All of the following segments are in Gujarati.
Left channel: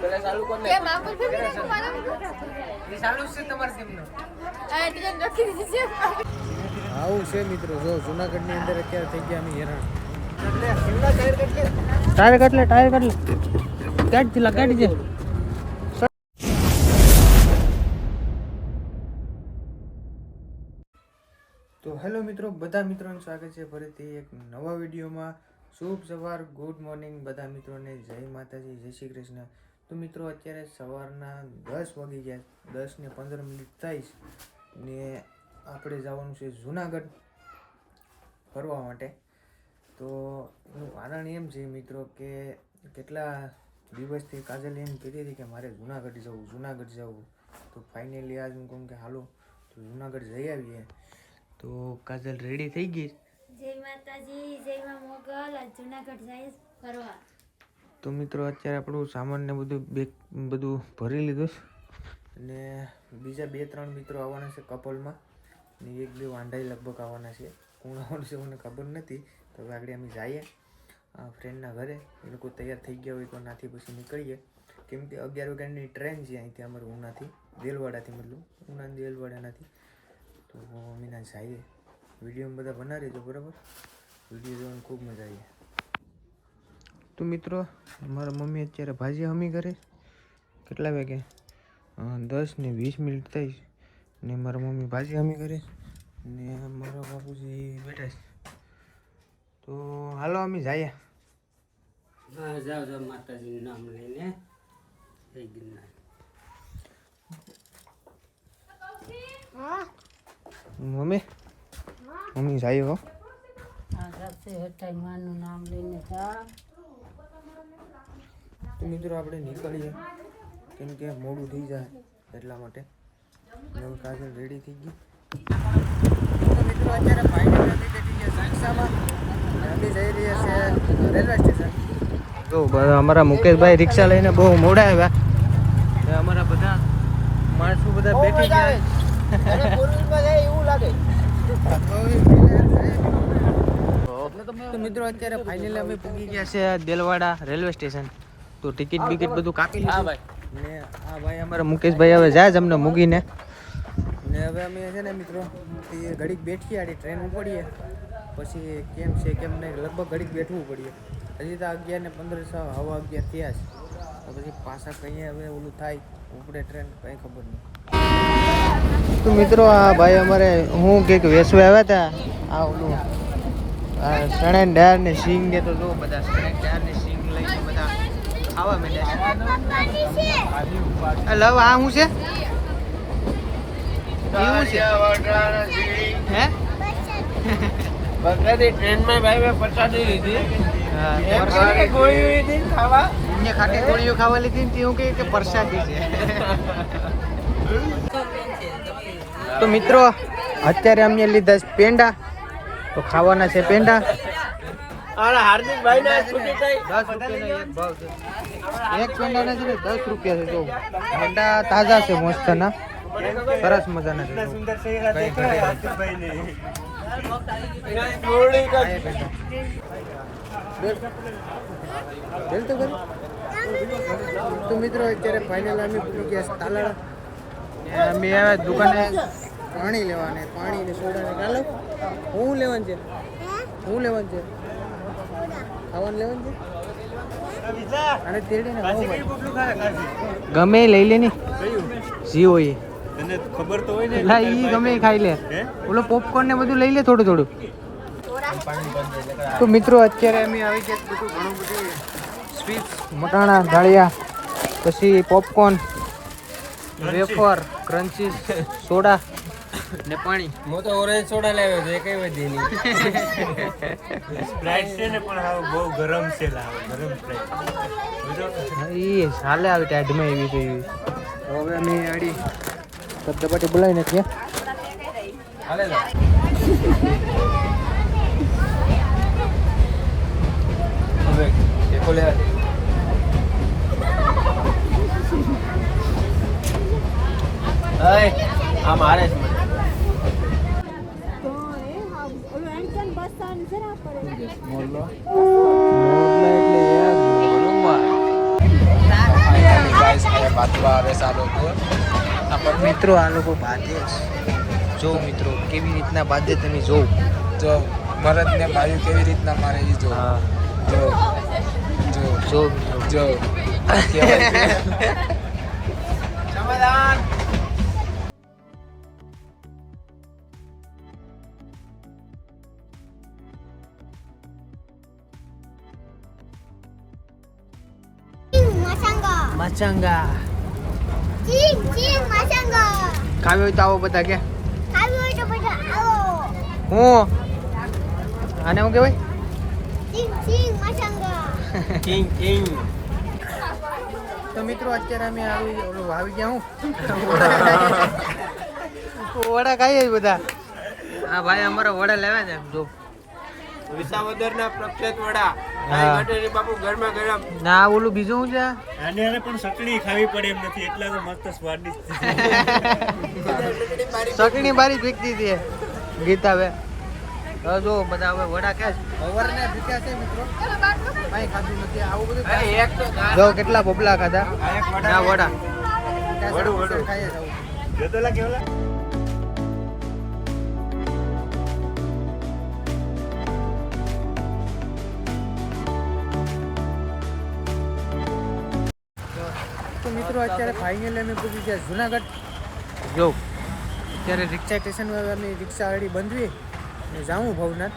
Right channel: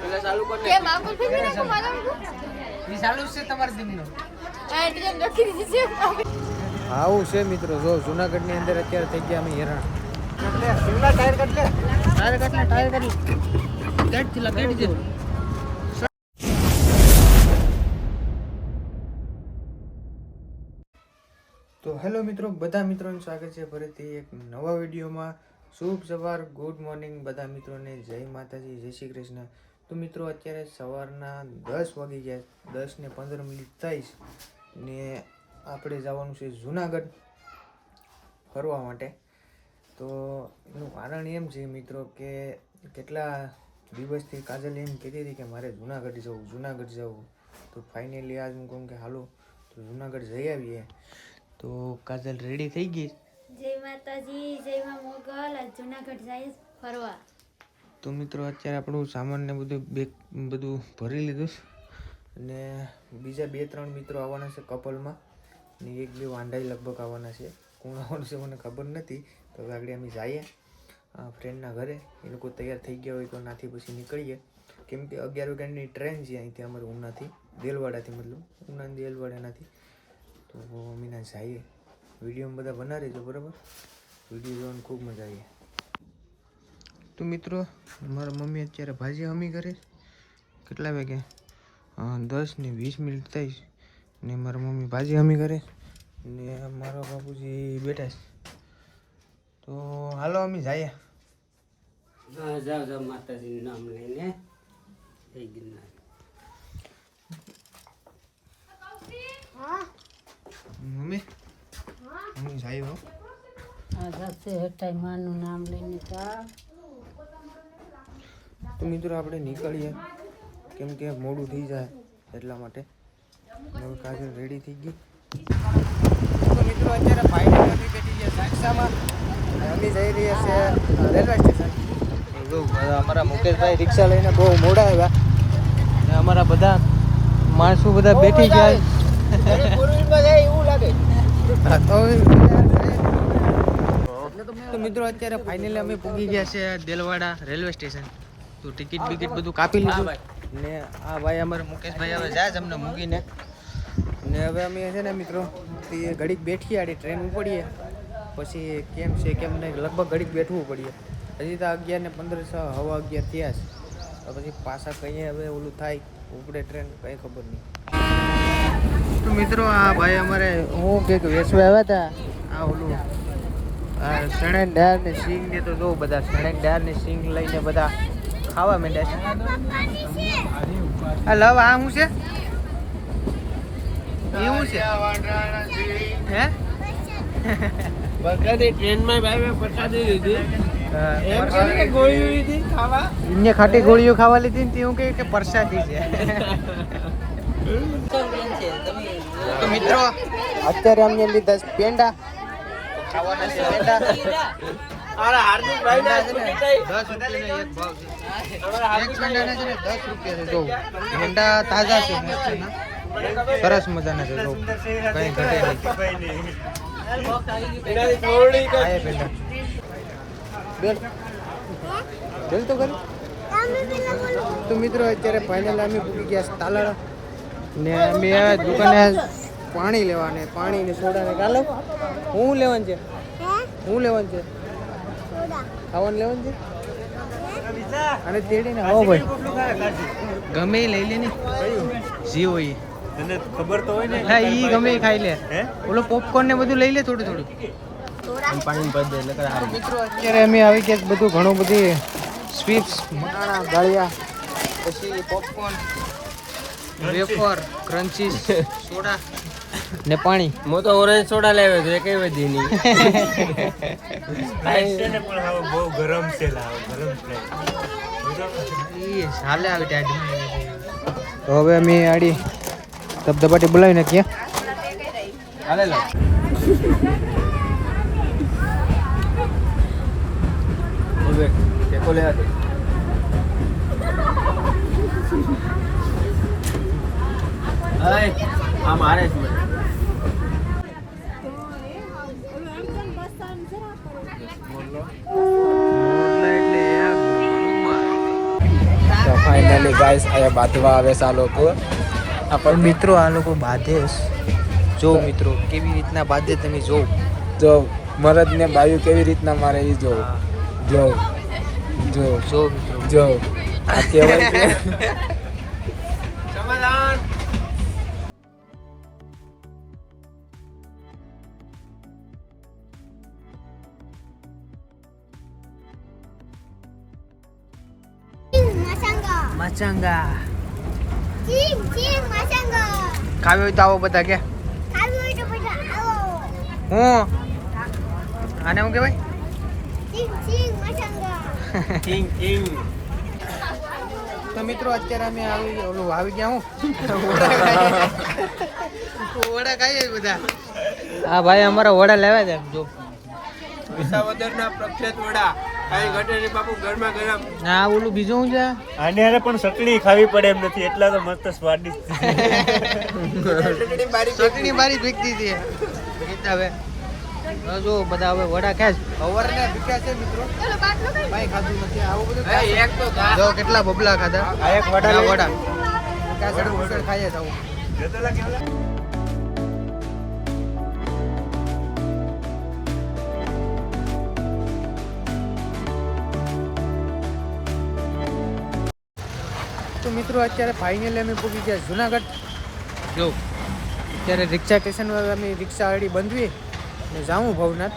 પેલા ચાલુ કર કે માકુલ ફેમી નાખો મારા ઈ ચાલુ છે તમાર દિનનો આ ડિઝાઇન રાખી દીધી છે. આવું છે મિત્રો, જો જુનાગઢની અંદર અત્યારે થઈ ગયા અમે હેરાન. એટલે શિમલા ટાયર કટ કર, ટાયર કટ લે, ટાયર કટ લે, કાઢ દિલા, કાઢ દે. તો હેલો મિત્રો, બધા મિત્રોનું સ્વાગત છે ફરીથી એક નવા વિડીયોમાં. શુભ સવાર, ગુડ મોર્નિંગ બધા મિત્રોને, જય માતાજી, જય શ્રી કૃષ્ણ. તો મિત્રો અત્યારે સવારના 10 વાગી ગયા, 10 ને 15 થઈ ને આપણે જવાનું છે જુનાગઢ ફરવા માટે. તો એનું કારણ એમ છે મિત્રો કે કેટલા દિવસથી કાજલ એમ કહેતી હતી કે મારે જુનાગઢ જવું. તો ફાઇનલી આજ હું કહું કે હાલો તો જુનાગઢ જઈ આવીએ. તો કાજલ રેડી થઈ ગઈ. જય માતાજી, જય માં મોગલ. આ જૂનાગઢ જાય ફરવા. તો મિત્રો અત્યારે આપણું સામાન ને બધું ભરી લીધું અને બીજા 2-3 મિત્રો આવવાના છે કપલમાં ને 1-2 વાંઢાઈ લગભગ આવવાના છે. કોણ આવવાનું છે મને ખબર નથી. તો હવે આગળ અમે જઈએ ફ્રેન્ડના ઘરે. એ લોકો તૈયાર થઈ ગયા હોય તો નાથી પછી નીકળીએ, કેમ કે 11 વાગ્યાની ટ્રેન છે અહીંથી અમારે ઉનાથી, દેલવાડાથી, મતલબ ઉના દેલવાડાનાથી. તો અમે ના જઈએ. વિડીયોમાં બધા બના રહેજો બરાબર, વિડીયો જોવાની ખૂબ મજા આવી. તો મિત્રો મારા મમ્મી અત્યારે ભાજી હમી કરે. કેટલા વાગે? 10 ને 20 થઈ ને મારા મમ્મી ભાજી હમી કરે ને મારા બાપુજી બેઠા છે. તો હાલો અમે જઈએ. હા જાવ માતાજીનું નામ લઈને જય ગિરનાર. મમ્મી જઈએ હો. આ રસ્તે હટાઈ માનું નામ લઈને જા. તો મિત્રો આપણે નીકળીએ, કેમ કે મોડું થઈ જાય એટલા માટે. હવે કાજલ રેડી થઈ ગઈ. તો મિત્રો અત્યારે ફાઇનલી અમે બેઠી ગયા સાક્ષામાં. અમે જઈ રહ્યા છે રેલવે સ્ટેશન. જો અમારા મુકેશભાઈ રિક્ષા લઈને બહુ મોડા આવ્યા ને અમારા બધા માણસો બધા બેઠી ગયા. એવું લાગે. તો મિત્રો અત્યારે ફાઇનલી અમે પૂગી ગયા છે દેલવાડા રેલવે સ્ટેશન. તો ટિકિટ બિકિટ બધું કાપી લીધું ને આ ભાઈ અમારા મુકેશભાઈ હવે જાય જ અમને મૂકીને. ને હવે અમે છે ને મિત્રો ઘડીક બેઠીએ, આડી ટ્રેન ઉપડીએ પછી કેમ છે કેમ નહીં, લગભગ ઘડીક બેઠવું પડીએ. હજી તો 11 ને 15 હવા 11 થયા છે. તો પછી પાછા કહીએ હવે ઓલું થાય ઉપડે ટ્રેન, કંઈ ખબર નહીં. તો મિત્રો આ ભાઈ અમારે હું કંઈક વેસવા આવ્યા હતા. આ ઓલું આ શણે ડાળ ને સિંગ ને, તો જો બધા શણે ડાળ ને સિંગ લઈને બધા ખાવા માંડ્યા છે. આ લવ આ શું છે? એવું છે હે? બગડી ટ્રેનમાં ભાઈ મેં પ્રસાદી લીધી. ખાટી ગોળીઓ ખાવા લીધી ને એવું કે પ્રસાદી છે. તો મિત્રો અત્યારે અમે લીધા છે પેંડા. તો ખાવાના છે પેંડા. 10 રૂપિયાનો એક ભાવ છે. એક પેંડાના છે ને 10 રૂપિયા છે. જો પેંડા તાજા છે, મસ્તના, સરસ મજાના છે. જો કઈ ઘટે નહીં. બેલ તો કરી. તો મિત્રો અત્યારે ફાઇનલ અમે પૂકી ગયા તાલાળા ને અમે આવ્યા દુકાને પાણી લેવા, ને પાણી ને સોડા ને ચાલો. હું લેવાનું છે? હું લેવાનું છે? ખાવાનું લેવાનું છે? અને તેડીને આવો ભાઈ, ગમે લઈ લે ને જી હોય તને ખબર તો હોય ને એટલે ઈ ગમે ખાઈ લે. ઓલો પોપકોર્ન ને બધું લઈ લે થોડું થોડું. તો મિત્રો અત્યારે અમે આવી ગયા બધું ઘણું બધી સ્વીટ્સ, મટાણા, દાળિયા, પછી પોપકોર્ન, વેફર, ક્રન્ચીસ, સોડા ને પાણી. હું તો ઓરેન્જ સોડા લાવ્યો તો એ કઈ વધી નહીં. બહુ ગરમ છે, ગરમ એ હાલે આવી ટાઈડમાં એવી થઈ. તો હવે અમે આડી ધબધબાટી બોલાવી નાખીએ. હાલે લો. હવે એકો લે હાથે. આ મારે જ મને. મોરલો એટલે ગાઈસ અહીંયા બાંધવા આવે છે આ લોકો. પણ મિત્રો આ લોકો બાંધે જો મિત્રો કેવી રીતના બાંધે તમે જો જો મરદ ને બાયુ કેવી રીતના મારે એ જો હા જો જો જો મિત્રો જો કહેવાય છે. સમાધાન મચંગા ખાવી હોય તો આવો બધા કે હું આને શું કહેવાય તો મિત્રો અત્યારે અમે આવી ગયા હું વડા ખાઈએ બધા હા ભાઈ અમારા વડા લેવા છે જો વિસાવદરના પ્રખ્યાત વડા કાઈ ઘટે ને બાપુ ગરમા ગરમ. ના ઓલું બીજું શું છે આને હારે પણ ચટણી ખાવી પડે એમ નથી, એટલા તો મસ્ત સ્વાદિષ્ટ. ચટણી બારી ફીકતી હતી ગીતા હવે જો બધા હવે વડા ક્યાં છે અવારને ભૂખ્યા છે મિત્રો કાંઈ ખાધું નથી આવું બધું જો કેટલા બબલા ખાધા ના વડા કાસડી ઉસળ ખાઈએ આવું તો મિત્રો અત્યારે ફાઇનલી અમે પૂકી ગયા જુનાગઢ જો અત્યારે રિક્ષા સ્ટેશન અમે રિક્ષા ગાડી બંધવી ને જાઉં ભવનાથ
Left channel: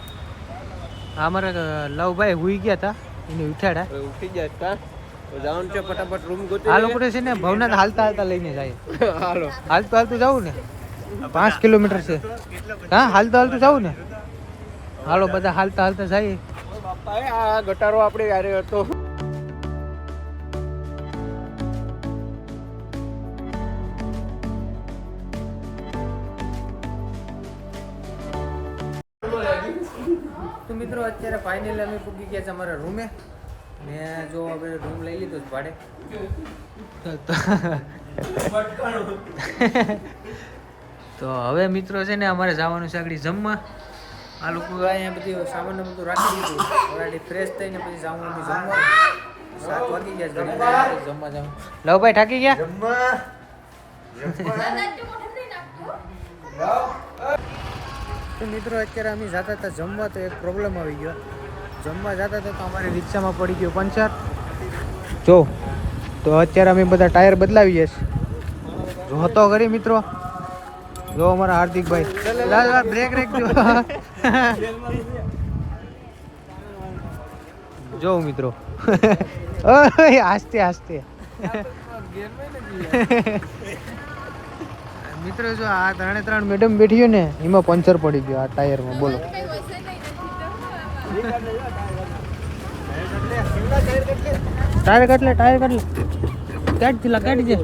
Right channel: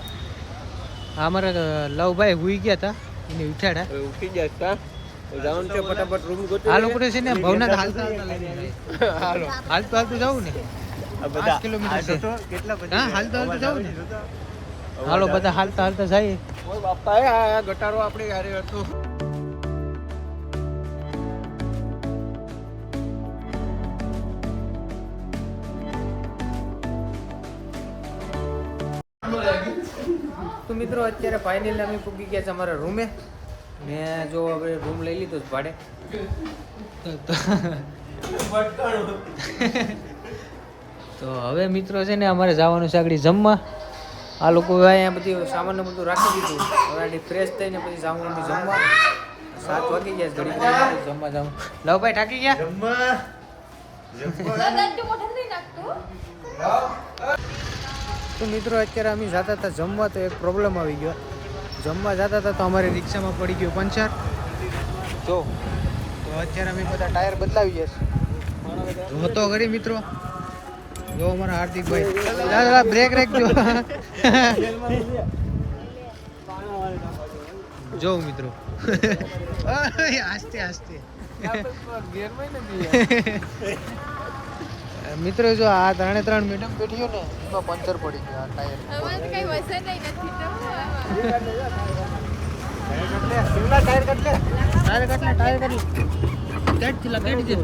આ અમારા લવભાઈ હુઈ ગયા હતા એને ઉઠાડ્યા ઉઠી જાય કા જાઉં છે ફટાફટ રૂમ ગોતો. આ લોકો છે ને ભવનાથ હાલતા હાલતા લઈને જાય હાલતું હાલતું જવું ને 5 કિલોમીટર છે હા હાલતું હાલતું જવું ને હાલો બધા હાલતા હાલતા જઈએ બાપા આ ગટારો આપણે ગારે હતો. તો મિત્રો અત્યારે ફાઇનલી અમે પૂગી ગયા છે અમારા રૂમે ને જો આપણે રૂમ લઈ લીધો છે ભાડે તો હવે મિત્રો છે ને અમારે જવાનું છે આગળ જમવા આ લોકો અહીંયા બધી સામાન બધું રાખી દીધું હવે આગળ ફ્રેશ થઈને પછી જવાનું જમવા 7 વાગી ગયા ઘડી જમવા જાઉં લવભાઈ થાકી ગયા તો મિત્રો અત્યારે અમે જતા હતા જમવા તો એક પ્રોબ્લેમ આવી ગયો જમવા જતા હતા તો અમારી રિક્ષામાં પડી ગયો પંચર જો તો અત્યારે અમે બધા ટાયર બદલાવીએ છીએ જોતો કરી મિત્રો જો અમારા હાર્દિકભાઈ બ્રેક રાખજો જો મિત્રો આસ્તે આસ્તે મિત્રો જો આ 3 મેડમ બેઠી ને એમાં પંચર પડી ગયો આ ટાયરમાં બોલો ટાયર કટલે કાઢી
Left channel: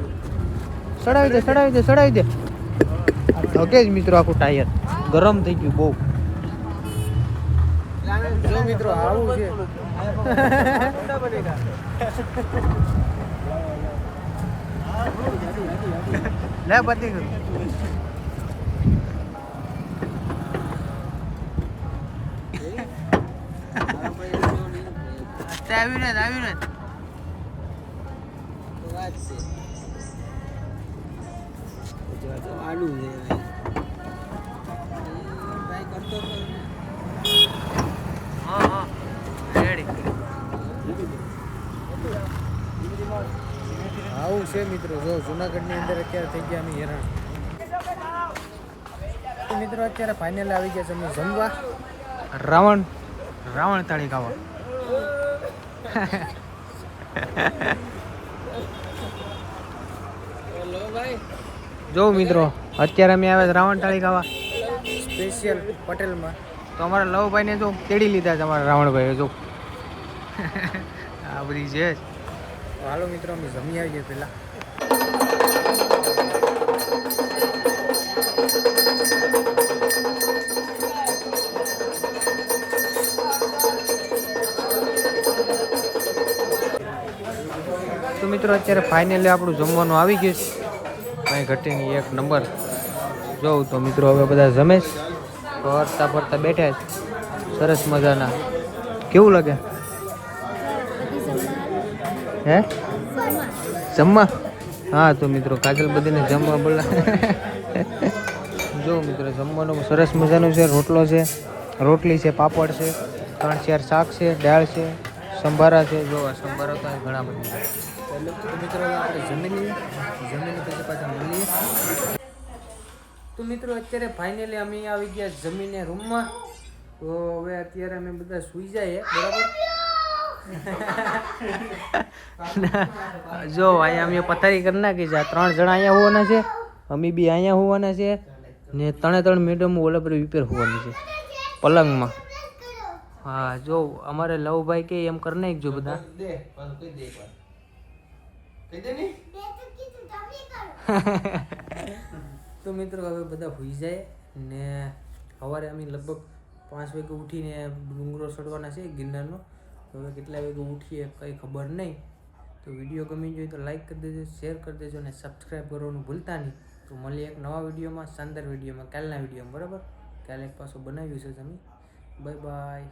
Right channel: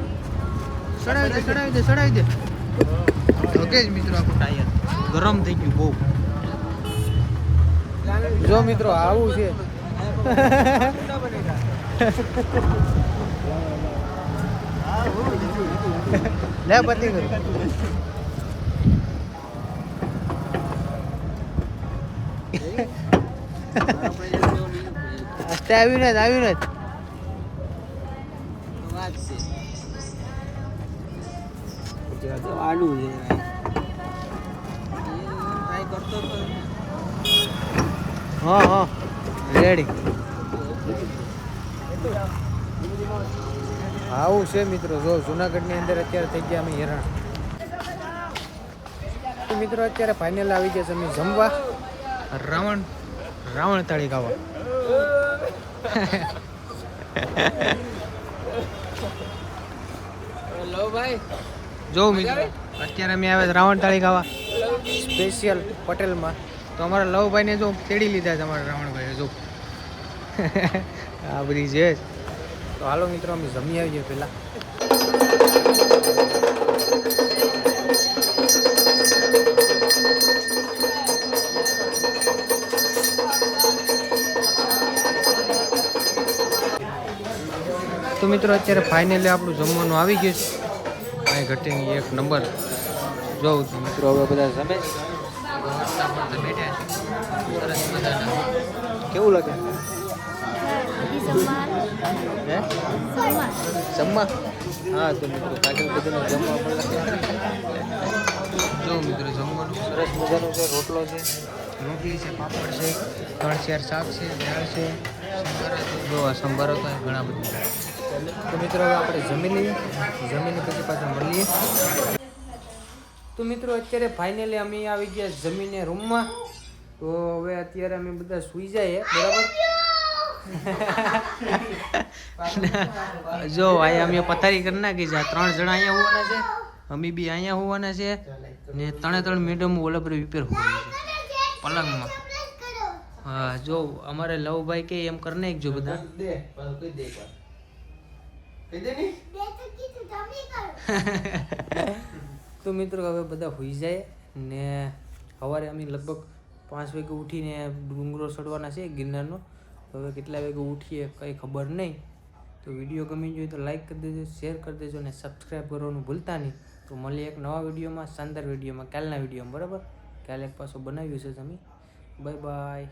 દે સડાવી દે ઓકે જ મિત્રો આખું ટાયર ગરમ થઈ ગયું બહુ જો મિત્રો આવું છે લે પતી કરું આવ્યું ને આલુ છે ટ્રાય કરતો તો હા રેડી આવું છે મિત્રો જો જુનાગઢની અંદર અત્યારે થઈ ગયા અમે હેરાન તો મિત્રો અત્યારે ફાઇનલ આવી ગયા છે અમે જમવા રાવણ થાળી ખાવા જો મિત્રો અત્યારે અમે આવ્યા રાવણ થાળી ખાવા સ્પેશિયલ પટેલમાં તો અમારા લવભાઈને જો તેડી લીધા છે અમારા રાવણભાઈએ જો આ બધી છે તો હાલો મિત્રો અમે જમી આવીએ પહેલા તો મિત્રો અત્યારે ફાઇનલી આપણું જમવાનું આવી ગયું છે અહીં ઘટીની 1 નંબર જોઉં તો મિત્રો હવે બધા જમે ફરતા ફરતા બેઠા છે સરસ મજાના કેવું લાગે હે જમવા હા તો મિત્રો કાજલ બધીને જમવા બોલા. જો મિત્રો જમવાનું સરસ મજાનું છે. રોટલો છે, રોટલી છે, પાપડ છે, 3-4 શાક છે, દાળ છે, સંભારા છે. જો આ સંભારા તો અહીં ઘણા બધા છે. તો મિત્રો હવે આપણે જમી લઈએ, જમીને પછી પાછા મળીએ. તો મિત્રો અત્યારે ફાઇનલી અમે આવી ગયા જમીને રૂમમાં. તો હવે અત્યારે અમે બધા સૂઈ જઈએ, બરાબર. જો અહીંયા અમે પથારી કરી નાખી છે. 3 જણા અહીંયા હોવાના છે, અમે બી અહીંયા હોવાના છે ને 3 મેડમ ઓલા પર વિપેર હોવાની છે પલંગમાં. હા જો અમારે લવભાઈ કે એમ કરી નાખજો બધા. તો મિત્રો હવે બધા હોઈ જાય ને સવારે અમે લગભગ 5 વાગે ઉઠીને ડુંગરો ચડવાના છે ગિરનારનો. હવે કેટલા વાગે ઉઠીએ કંઈ ખબર નહીં. તો વિડીયો ગમી જોઈએ તો લાઈક કરી દેજો, શેર કરી દેજો અને સબસ્ક્રાઈબ કરવાનું ભૂલતા નહીં. તો મળીએ એક નવા વિડીયોમાં, શાનદાર વિડીયોમાં, કાલના વિડીયોમાં, બરાબર. કાલે એક પાછો બનાવ્યું છે તમે. Bye bye.